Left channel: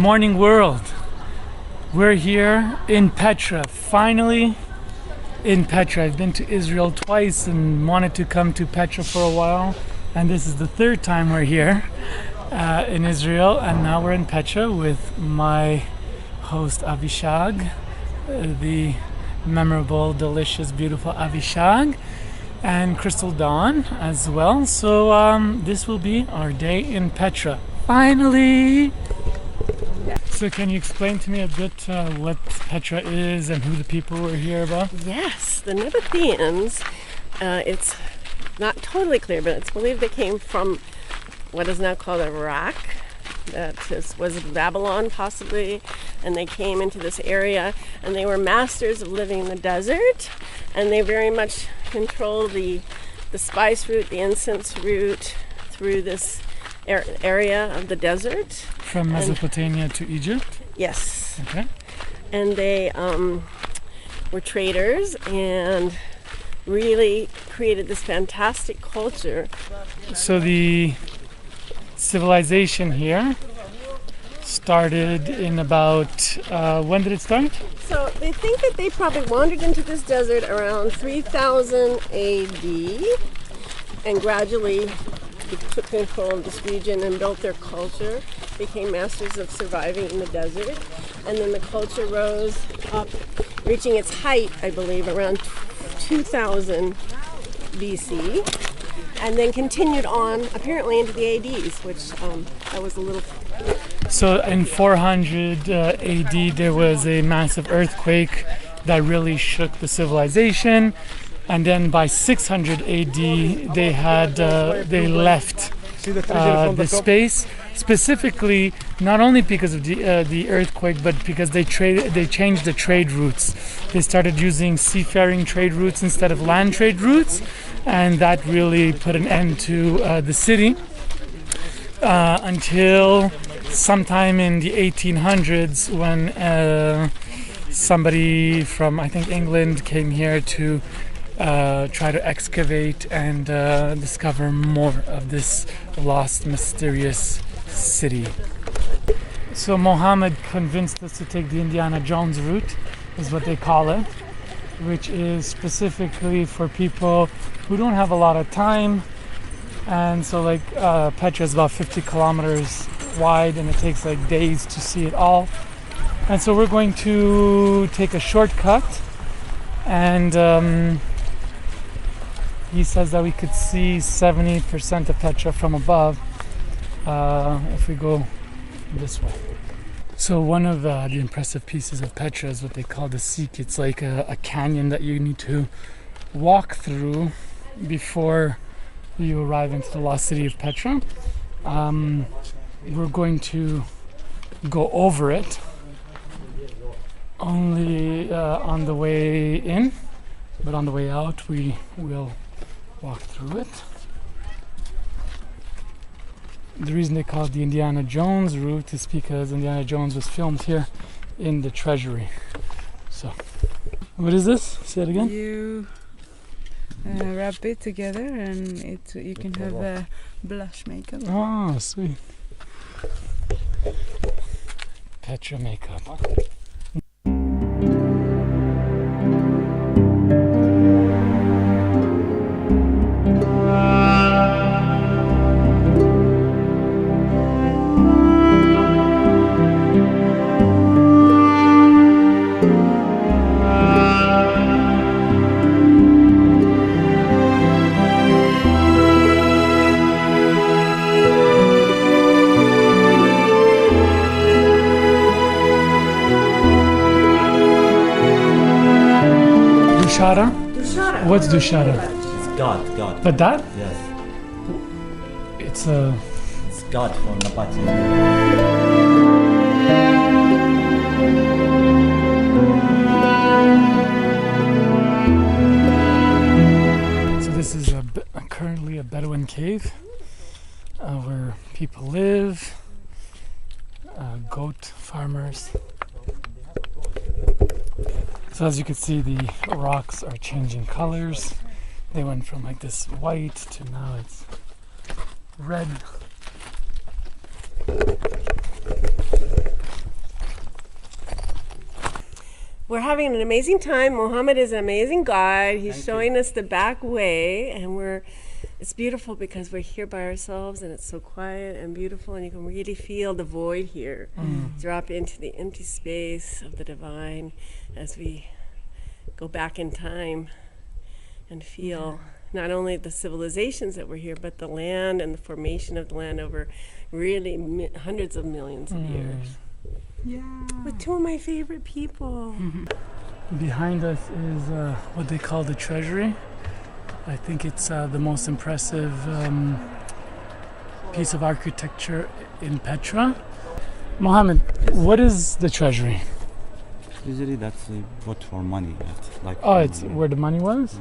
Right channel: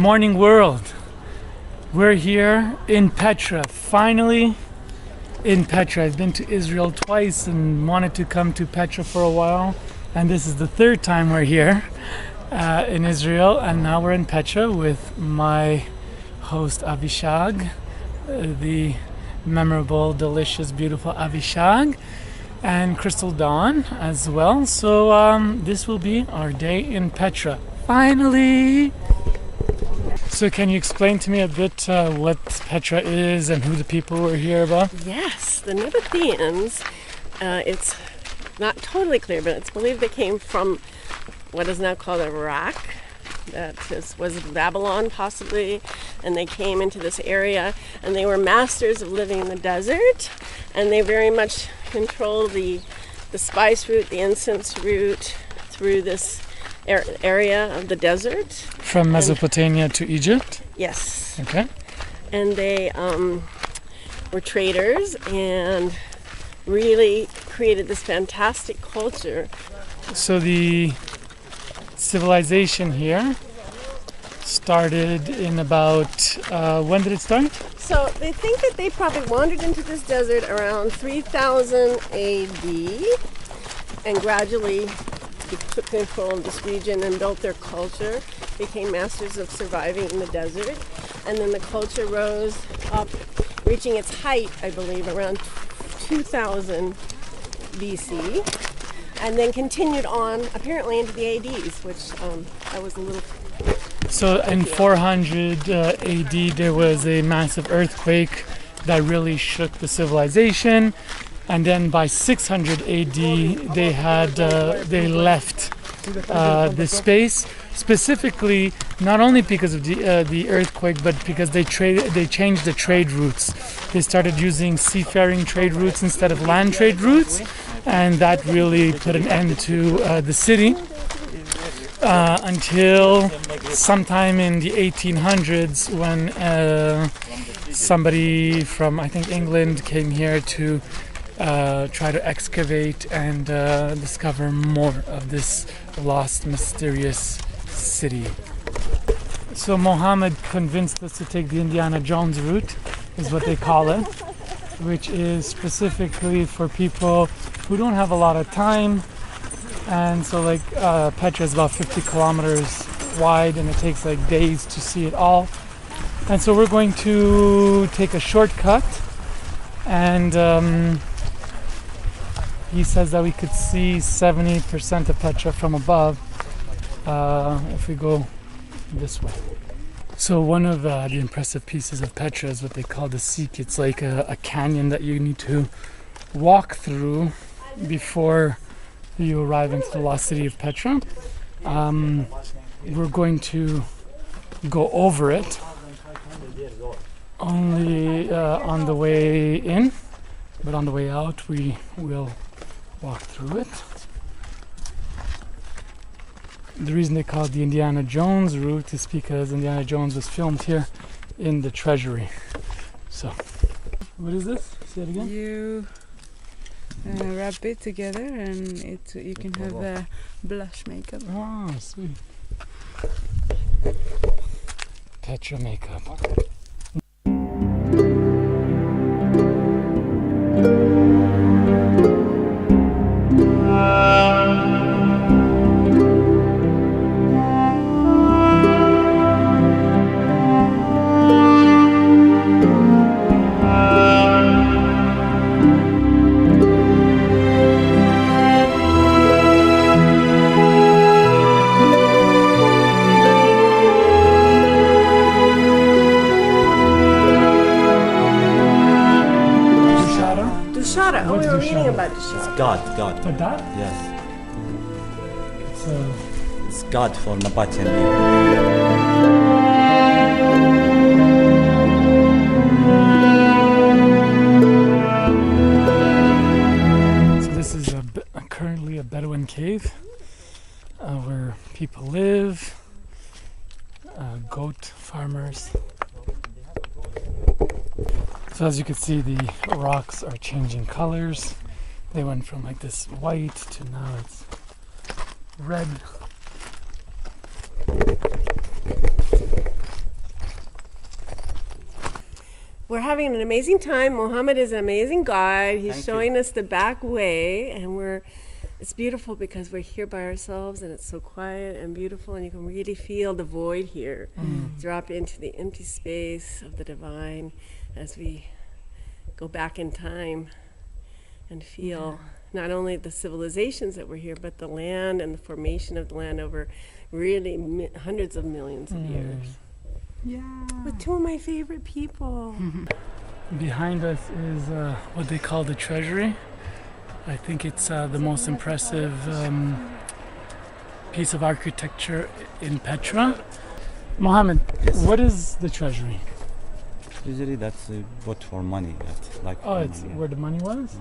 morning world. We're here in Petra, finally in Petra. I've been to Israel twice and wanted to come to Petra for a while, and this is the third time we're here in Israel, and now we're in Petra with my host Avishag, the memorable, delicious, beautiful Avishag and Crystal Dawn as well. So this will be our day in Petra, finally. So can you explain to me a bit what Petra is and who the people were here about? Yes, the Nabateans, it's not totally clear, but it's believed they came from what is now called Iraq. Was Babylon possibly, and they came into this area, and they were masters of living in the desert, and they very much controlled the spice route, the incense route through this area of the desert. From Mesopotamia to Egypt? Yes. Okay. And they were traders and really created this fantastic culture. So the civilization here started in about, when did it start? So they think that they probably wandered into this desert around 3000 AD and gradually took control of this region and built their culture, became masters of surviving in the desert, and then the culture rose up, reaching its height, I believe, around 2000 BC, and then continued on apparently into the ADs, which I was a little... So in 400 AD there was a massive earthquake that really shook the civilization. And then by 600 AD, they left the space, specifically not only because of the earthquake, but because they changed the trade routes. They started using seafaring trade routes instead of land trade routes, and that really put an end to the city until sometime in the 1800s when somebody from, I think, England came here to try to excavate and discover more of this lost, mysterious city. So Mohammed convinced us to take the Indiana Jones route, is what they call it, which is specifically for people who don't have a lot of time. And so like Petra is about 50 kilometers wide and it takes like days to see it all. And so we're going to take a shortcut, and he says that we could see 70% of Petra from above if we go this way. So one of the impressive pieces of Petra is what they call the Seek. It's like a canyon that you need to walk through before you arrive into the lost city of Petra. We're going to go over it only on the way in, but on the way out we will walk through it. The reason they call it the Indiana Jones route is because Indiana Jones was filmed here in the treasury. So, what is this? Say it again. You wrap it together and you can have blush makeup. Oh, sweet. Petra makeup. Dushara. What's Dushara? It's God. But that? Yes. It's God for Nabatean people. So this is currently a Bedouin cave where people live, goat farmers. So as you can see, the rocks are changing colors. They went from like this white to now it's red. We're having an amazing time. Mohammed is an amazing guide. He's Thank showing us the back way, and it's beautiful because we're here by ourselves and it's so quiet and beautiful, and you can really feel the void here. Drop into the empty space of the divine as we go back in time and feel not only the civilizations that were here, but the land and the formation of the land over really hundreds of millions of years. Yeah. With two of my favorite people. Behind us is what they call the treasury. I think it's the most impressive piece of architecture in Petra. Mohammed, Yes. what is the treasury? Usually that's put for money. That's like Oh, it's where the money was?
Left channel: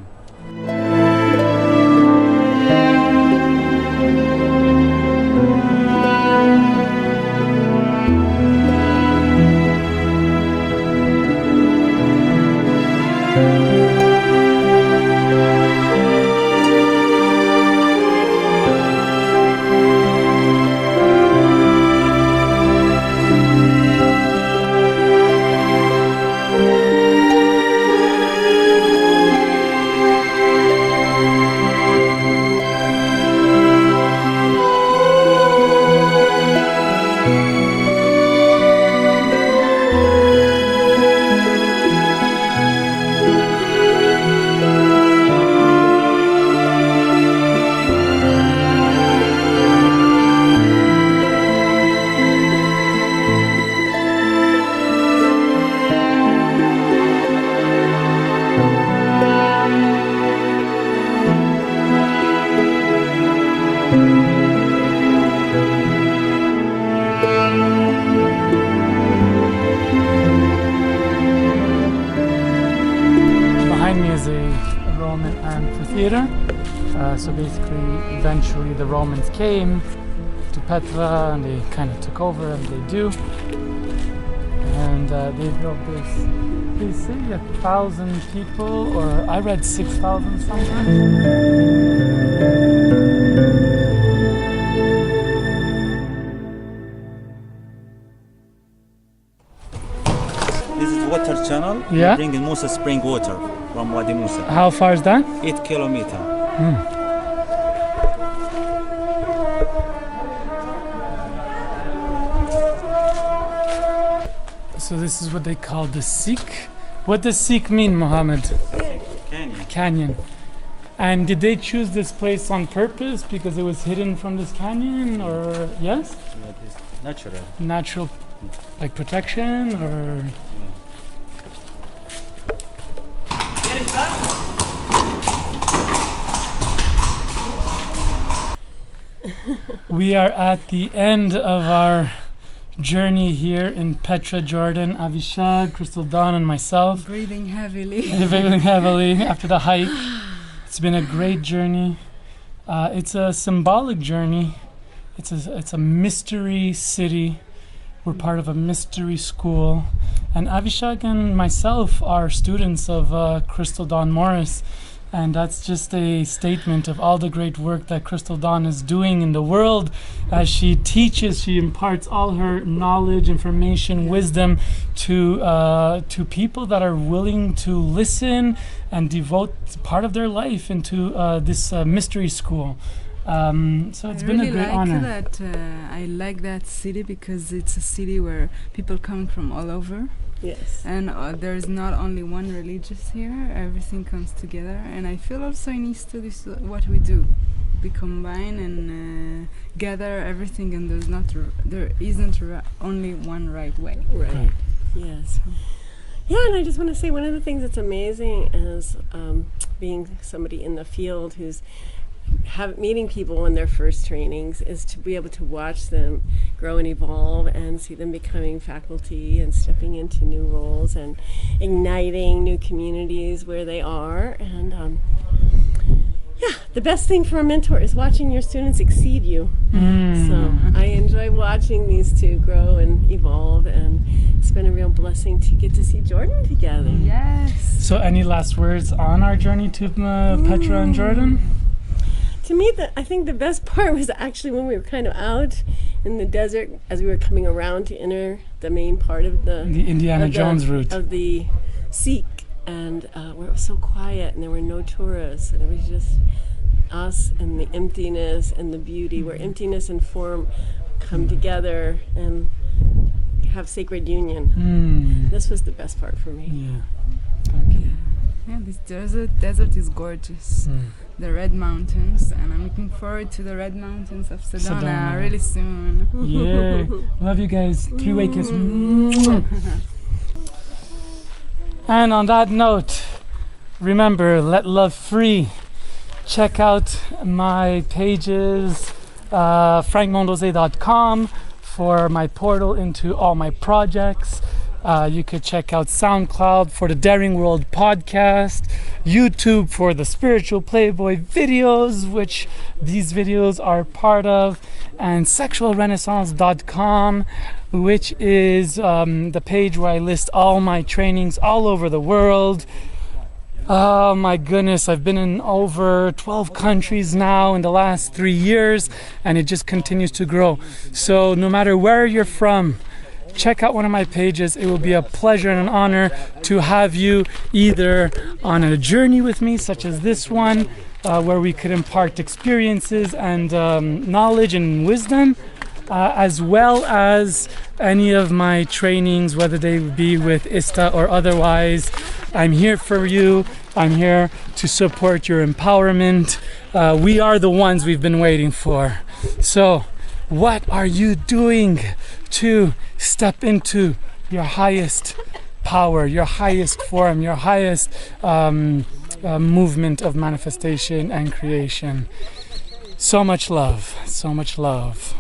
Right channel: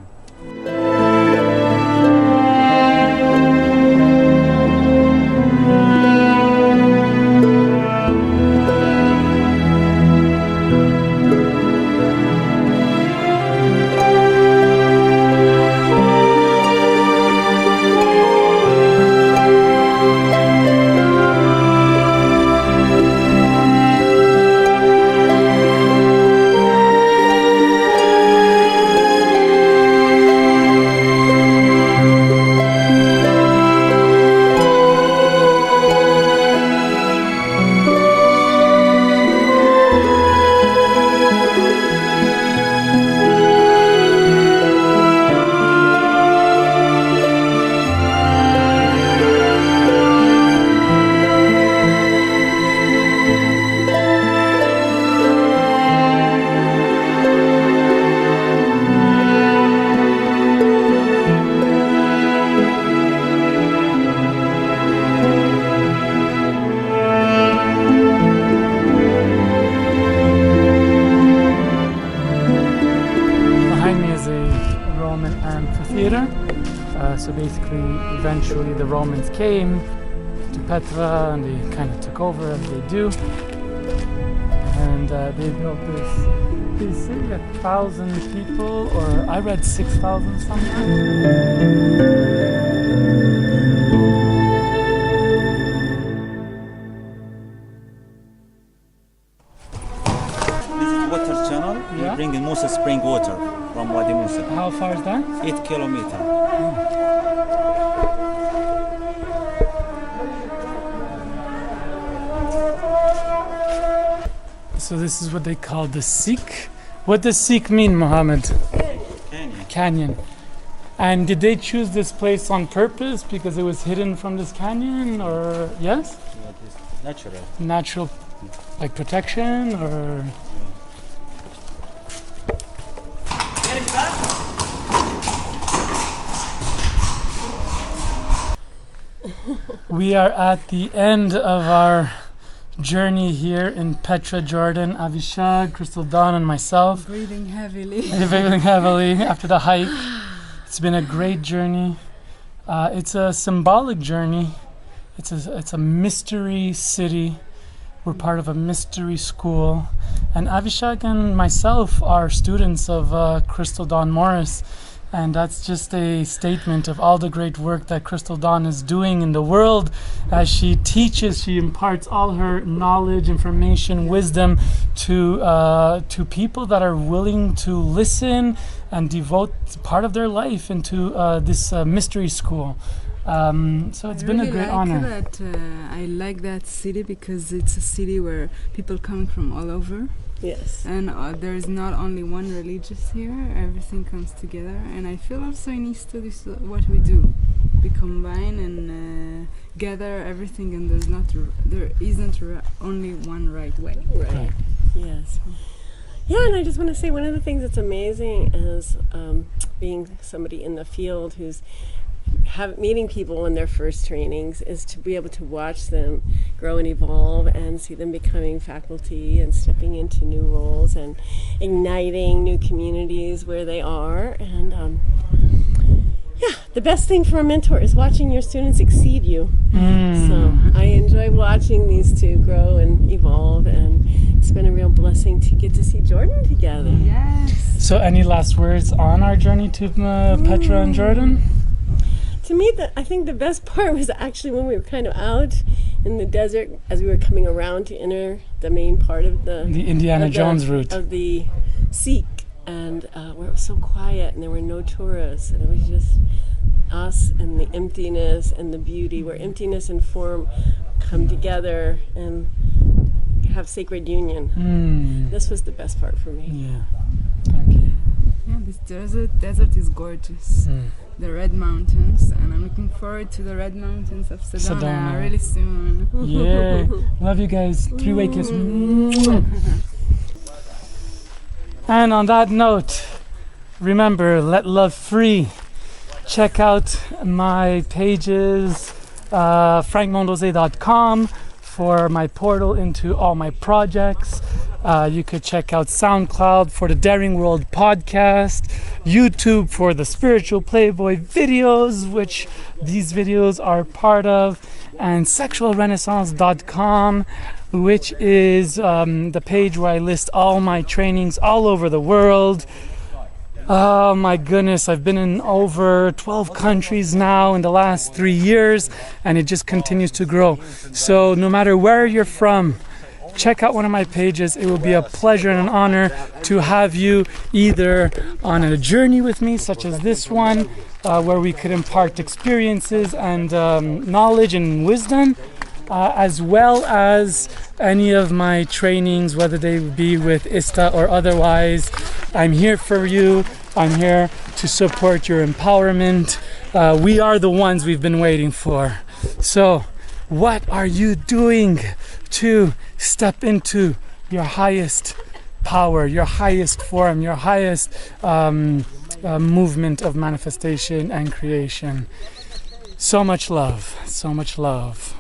Behind me is a Roman amphitheater. So basically, eventually the Romans came to Petra and they kind of took over as they do. And they built this, they say 1,000 people, or I read 6,000 sometimes. This is water channel. Yeah. We bring in Musa spring water from Wadi Musa. How far is that? 8 kilometers. So this is what they call the Sikh. What does Sikh mean, Mohammed? Canyon. Canyon. And did they choose this place on purpose because it was hidden from this canyon, or yes? Yeah, it is natural. Natural, like protection, or? We are at the end of our journey here in Petra, Jordan. Avishag, Crystal Dawn, and myself. Breathing heavily. Breathing heavily after the hike. It's been a great journey. It's a symbolic journey. It's a mystery city. We're part of a mystery school. And Avishag and myself are students of Crystal Dawn Morris. And that's just a statement of all the great work that Crystal Dawn is doing in the world. As she teaches, she imparts all her knowledge, information, wisdom to people that are willing to listen and devote part of their life into this mystery school. So it's been a great honor. I like that city because it's a city where people come from all over. Yes. And there's not only one religious here, everything comes together. And I feel also in Easter this is what we do. We combine and gather everything, and there isn't only one right way. Right. Yes. Yeah, and I just want to say one of the things that's amazing is being somebody in the field who's meeting people in their first trainings is to be able to watch them grow and evolve and see them becoming faculty and stepping into new roles and igniting new communities where they are. And yeah, the best thing for a mentor is watching your students exceed you. So I enjoy watching these two grow and evolve, and it's been a real blessing to get to see Jordan together. Yes. So any last words on our journey to Petra and Jordan? To me, I think the best part was actually when we were kind of out in the desert as we were coming around to enter the main part of the The Indiana Jones route. of the Sikh, and where it was so quiet and there were no tourists, and it was just us and the emptiness and the beauty, where emptiness and form come together and have sacred union. This was the best part for me. Yeah, thank you. Yeah, this desert is gorgeous. The Red Mountains, and I'm looking forward to the Red Mountains of Sedona really soon. Yeah, love you guys. Three-way kiss. And on that note, remember, let love free. Check out my pages, frankmondeose.com for my portal into all my projects. You could check out SoundCloud for the Daring World podcast, YouTube for the Spiritual Playboy videos, which these videos are part of, and sexualrenaissance.com, which is the page where I list all my trainings all over the world. Oh my goodness, I've been in over 12 countries now in the last 3 years, and it just continues to grow. So no matter where you're from, check out one of my pages. It will be a pleasure and an honor to have you either on a journey with me, such as this one, where we could impart experiences and knowledge and wisdom, as well as any of my trainings, whether they be with ISTA or otherwise. I'm here for you. I'm here to support your empowerment. We are the ones we've been waiting for. So, what are you doing to step into your highest power, your highest form, your highest movement of manifestation and creation? So much love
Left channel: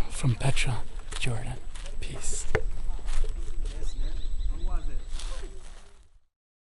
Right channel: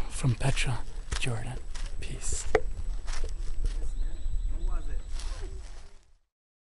from Petra, Jordan. Peace.